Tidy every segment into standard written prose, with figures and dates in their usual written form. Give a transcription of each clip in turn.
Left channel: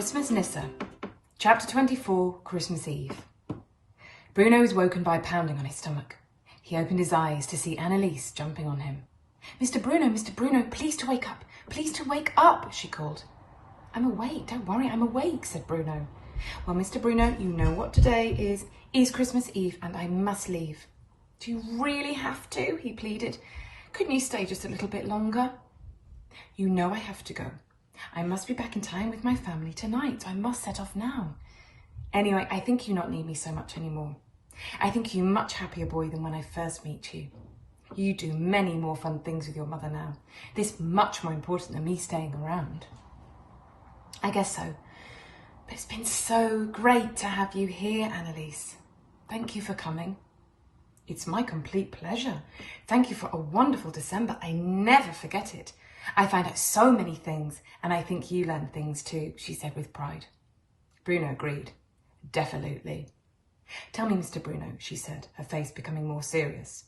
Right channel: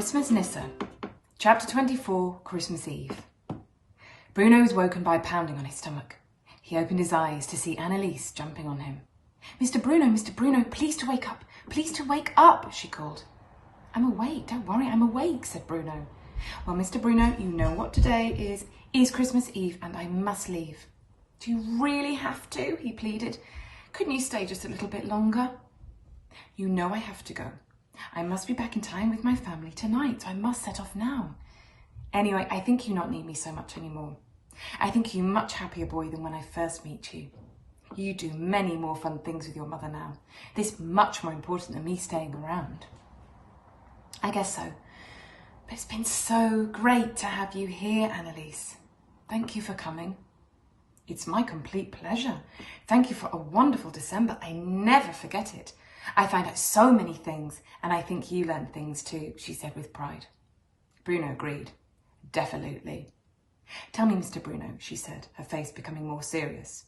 Christmas Nisse, Chapter 24, Christmas Eve. Bruno was woken by a pounding on his stomach. He opened his eyes to see Anneliese jumping on him. Mr. Bruno, please to wake up, she called. I'm awake, don't worry, I'm awake, said Bruno. Well, Mr. Bruno, you know what today is Christmas Eve and I must leave. Do you really have to? He pleaded. Couldn't you stay just a little bit longer? You know I have to go. I must be back in time with my family tonight. I must set off now. Anyway, I think you not need me so much anymore. I think you much happier boy than when I first meet you. You do many more fun things with your mother now. This much more important than me staying around. I guess so. But it's been so great to have you here, Anneliese. Thank you for coming. It's my complete pleasure. Thank you for a wonderful December. I never forget it. I find out so many things, and I think you learn things too, she said with pride. Bruno agreed. Definitely. Tell me, Mr. Bruno, she said, her face becoming more serious.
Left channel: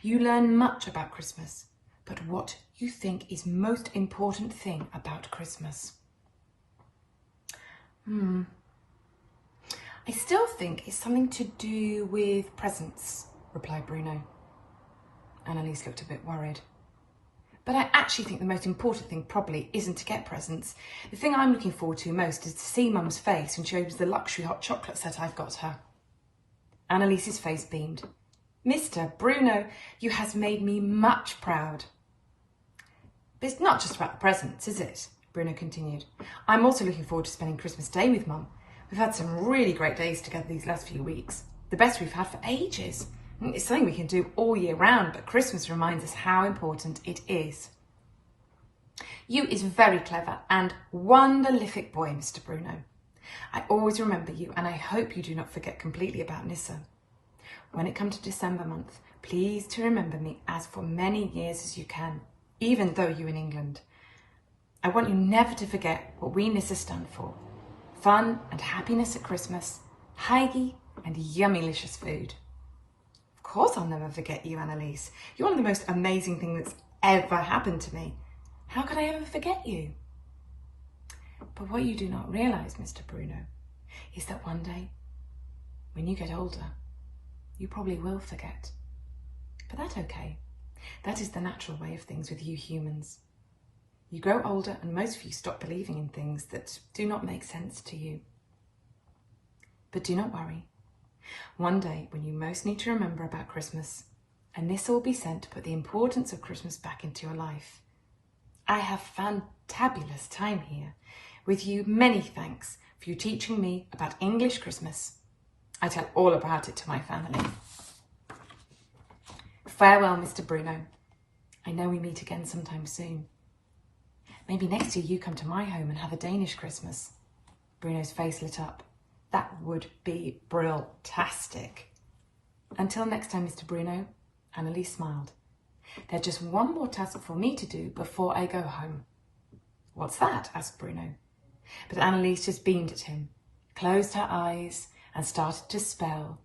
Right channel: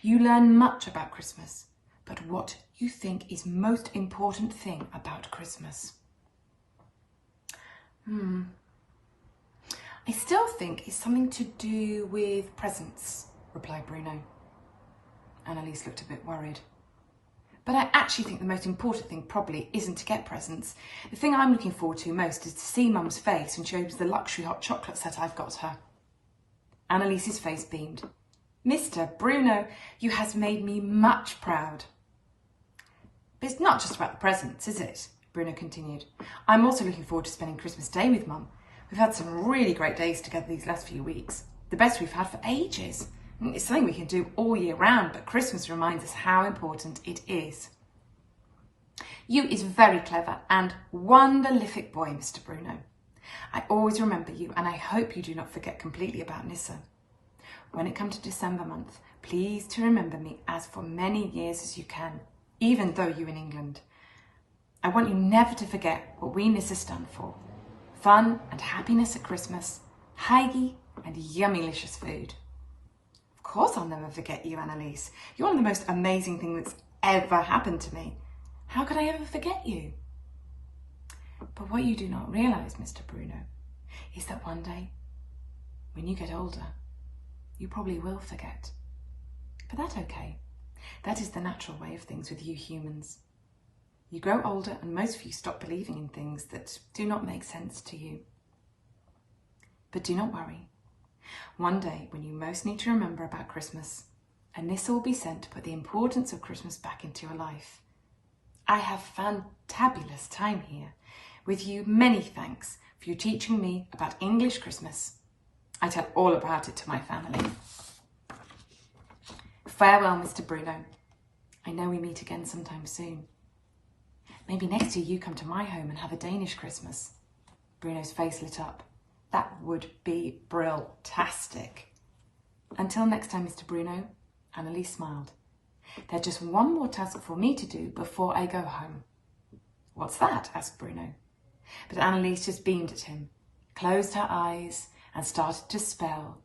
You learn much about Christmas, but what you think is most important thing about Christmas? I still think it's something to do with presents, replied Bruno. Anneliese looked a bit worried. But I actually think the most important thing probably isn't to get presents. The thing I'm looking forward to most is to see Mum's face when she opens the luxury hot chocolate set I've got her. Anneliese's face beamed. Mr. Bruno, you has made me much proud. But it's not just about the presents, is it? Bruno continued. I'm also looking forward to spending Christmas Day with Mum. We've had some really great days together these last few weeks. The best we've had for ages. It's something we can do all year round, but Christmas reminds us how important it is. You is very clever and wonderlific boy, Mr. Bruno. I always remember you, and I hope you do not forget completely about Nisse. When it comes to December month, please to remember me as for many years as you can, even though you're in England. I want you never to forget what we Nisse stand for. Fun and happiness at Christmas, hygge and yummylicious food. Of course I'll never forget you, Anneliese. You're one of the most amazing things that's ever happened to me. How could I ever forget you? But what you do not realise, Mr. Bruno, is that one day, when you get older, you probably will forget. But that's okay. That is the natural way of things with you humans. You grow older and most of you stop believing in things that do not make sense to you. But do not worry. One day, when you most need to remember about Christmas, a Nisse will be sent to put the importance of Christmas back into your life. I have fantabulous time here. With you, many thanks for you teaching me about English Christmas. I tell all about it to my family. Farewell, Mr. Bruno. I know we meet again sometime soon. Maybe next year you come to my home and have a Danish Christmas. Bruno's face lit up. That would be brill-tastic. Until next time, Mr. Bruno, Anneliese smiled. There's just one more task for me to do before I go home. What's that? Asked Bruno. But Anneliese just beamed at him, closed her eyes and started to spell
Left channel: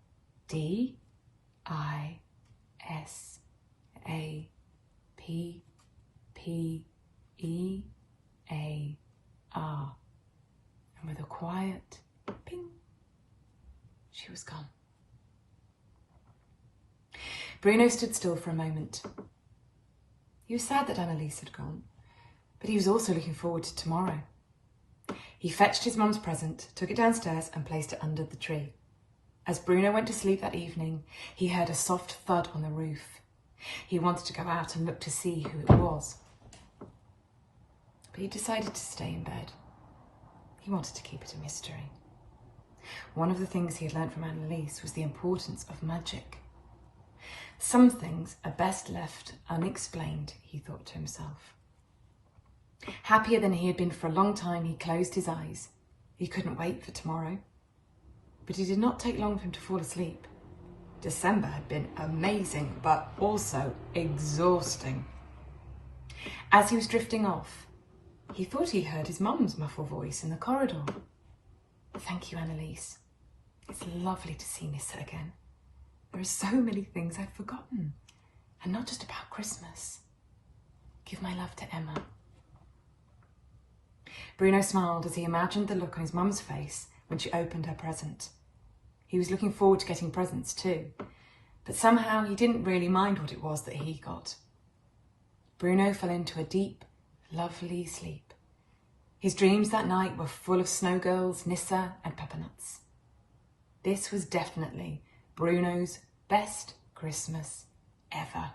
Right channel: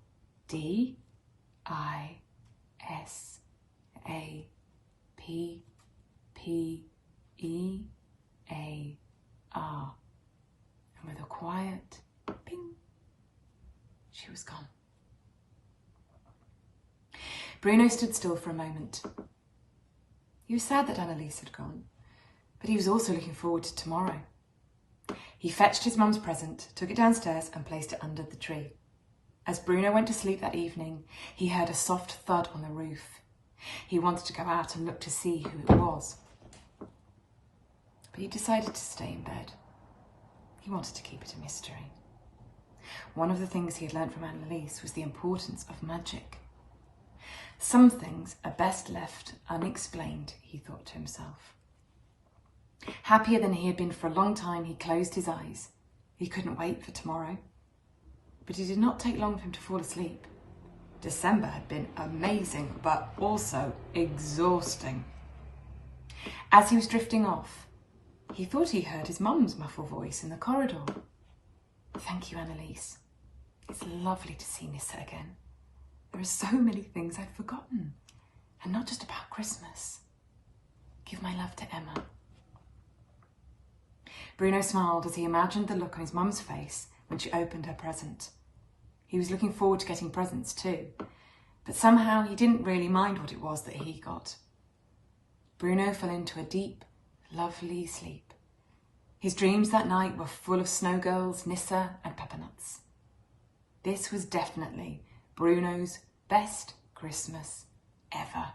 D-I-S-A-P-P-E-A-R. And with a quiet ping, she was gone. Bruno stood still for a moment. He was sad that Anneliese had gone, but he was also looking forward to tomorrow. He fetched his mum's present, took it downstairs and placed it under the tree. As Bruno went to sleep that evening, he heard a soft thud on the roof. He wanted to go out and look to see who it was. But he decided to stay in bed. He wanted to keep it a mystery. One of the things he had learnt from Anneliese was the importance of magic. Some things are best left unexplained, he thought to himself. Happier than he had been for a long time, he closed his eyes. He couldn't wait for tomorrow. But it did not take long for him to fall asleep. December had been amazing, but also exhausting. As he was drifting off, he thought he heard his mum's muffled voice in the corridor. Thank you, Anneliese. It's lovely to see Nisse again. There are so many things I'd forgotten, and not just about Christmas. Give my love to Emma. Bruno smiled as he imagined the look on his mum's face when she opened her present. He was looking forward to getting presents too, but somehow he didn't really mind what it was that he got. Bruno fell into a deep, lovely sleep. His dreams that night were full of snow girls, Nisse and peppernuts. This was definitely Bruno's best Christmas ever.